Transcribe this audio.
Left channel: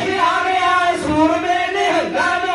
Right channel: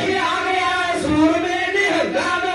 ਸ਼ਾਮਿਆ ਸੂਰਮੇ ਨਹੀਂ ਹੁੰਦਾ